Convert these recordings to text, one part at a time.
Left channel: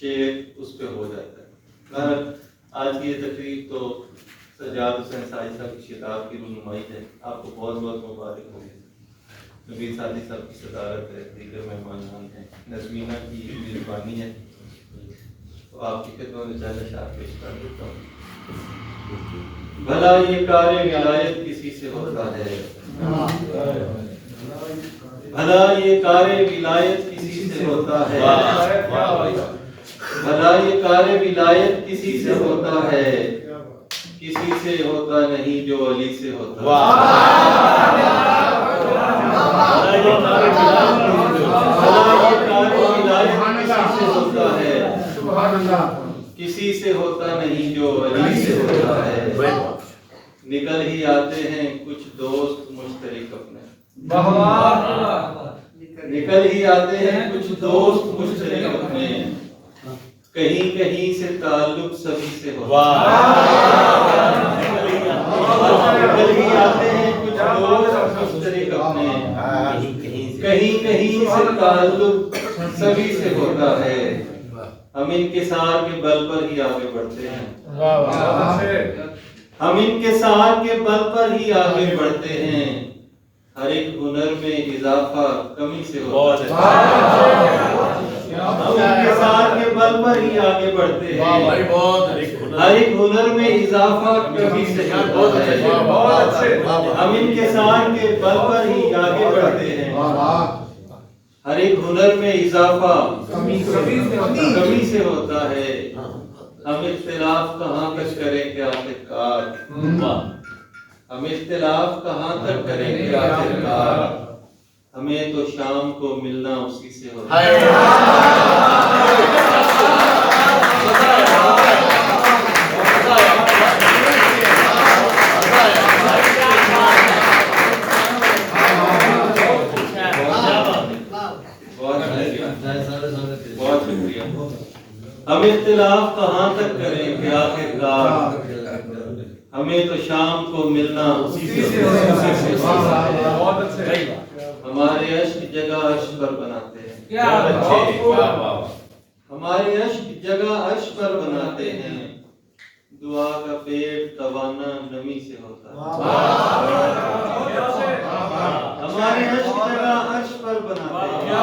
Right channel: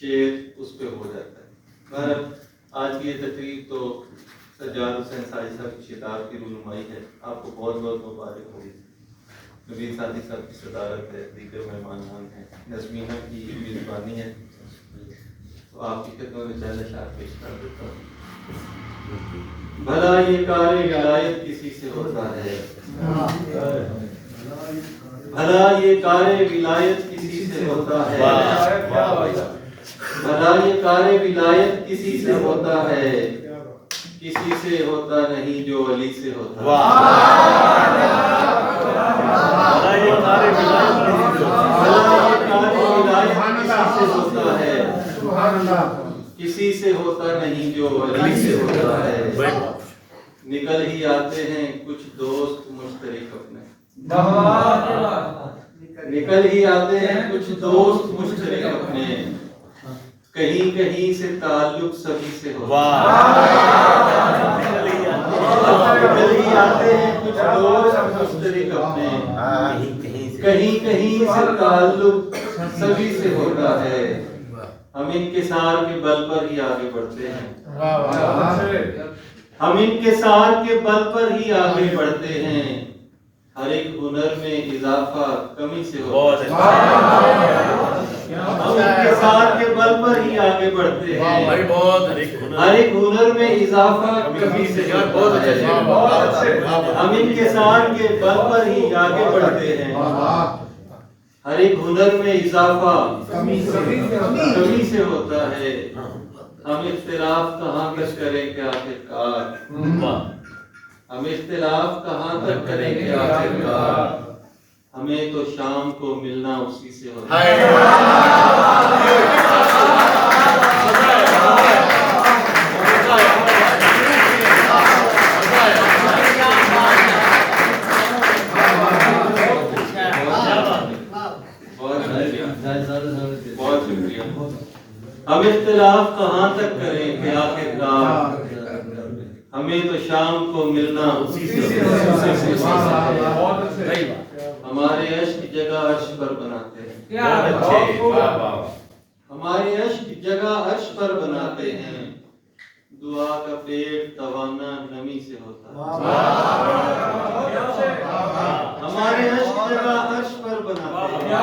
شعر اس پہ ہو جاتا ہے۔ مگر آج کی یہ تقریب تو سجاد حسین ساجد صاحب کی شتاب کی رونمائی ہے، آپ کو بہت بہت مبارک ہوگی۔ نوید ساجد صاحب کی صدارت ہے، دیگر مہمانان ہیں، نظمینہ کی میزبانی ہے، تو آپ کی خدمت میں چند اشعار پیش کر دیتا ہوں۔ بھلا یہ کار ولایت کسی سے ہوتا ہے، بھلا یہ کار ولایت کسی سے ہوتا ہے، بھلا یہ کار ولایت کسی سے ہوتا ہے، کسی سے ہوتا نہیں جو علی سے ہوتا ہے۔ بھلا یہ کار ولایت کسی سے ہوتا ہے، کسی سے ہوتا نہیں جو علی سے ہوتا ہے۔ نکل ہی آتے ہیں کچھ دوست مشترک اپنے، نکل ہی آتے ہیں کچھ دوست مشترک اپنے، کہیں کہیں سے تعلق سبھی سے ہوتا ہے۔ نکل ہی آتے ہیں کچھ دوست مشترک اپنے، کہیں کہیں سے تعلق سبھی سے ہوتا ہے۔ ہم انکسار کے بل پر ہی آگے بڑھتے ہیں، ہم انکسار کے بل پر ہی آگے بڑھتے ہیں، ہر ایک ہنر میں اضافہ کمی سے ہوتا ہے۔ ہم انکسار کے بل پر ہی آگے بڑھتے ہیں، ہر ایک ہنر میں اضافہ کمی سے ہوتا ہے۔ ہم انکسار کے بل پر ہی آگے بڑھتے ہیں، ہر ایک ہنر میں اضافہ کمی سے ہوتا ہے۔ ہم اختلاف کہاں تک کریں کہ آخرکار، ہم اختلاف کہاں تک کریں کہ آخرکار، ہمیں تو شام کو ملنا اسی سے ہوتا ہے۔ بہت شکریہ۔ ہم اختلاف کہاں تک کریں کہ آخرکار، ہمیں تو شام کو ملنا اسی سے ہوتا ہے۔ ہمارے عشق جگہ عرش پر بناتے ہیں، ہمارے عشق جگہ عرش پر بناتے ہیں، دعا کا پیٹ توانا نمی سے ہوتا ہے۔ ہمارے عشق جگہ عرش پر بناتے ہیں،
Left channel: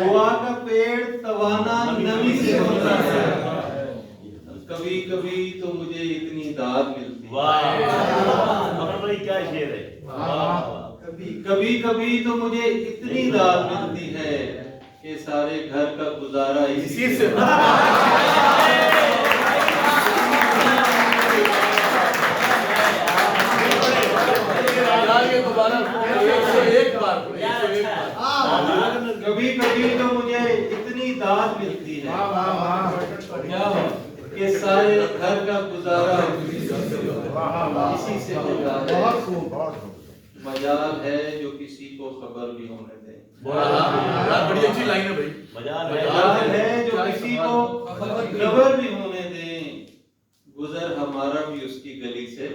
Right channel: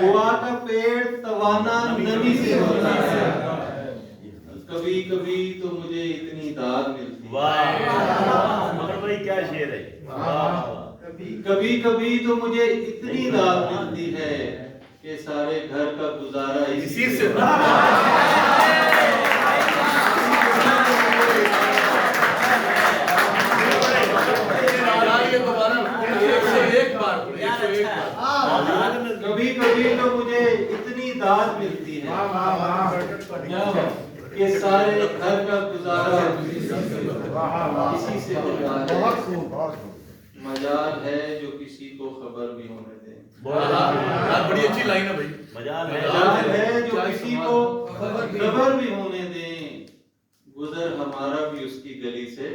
دعا کا پیٹ توانا نمی سے ہوتا ہے۔ کبھی کبھی تو مجھے اتنی داد ملتی ہے، کیا شعر ہے، کبھی کبھی تو مجھے اتنی داد ملتی ہے کہ سارے گھر کا گزارا اسی سے ہوتا ہے۔ کبھی کبھی تو مجھے اتنی داد ملتی ہے کہ سارے گھر کا گزارا اسی سے ہوتا ہے۔ مجال ہے جو کسی کو خبر بھی ہونے دے، بڑی اچھی لائن ہے بھائی، مجال ہے جو کسی کو خبر بھی ہونے دیں، گزر ہمارا بھی اس کی گلی سے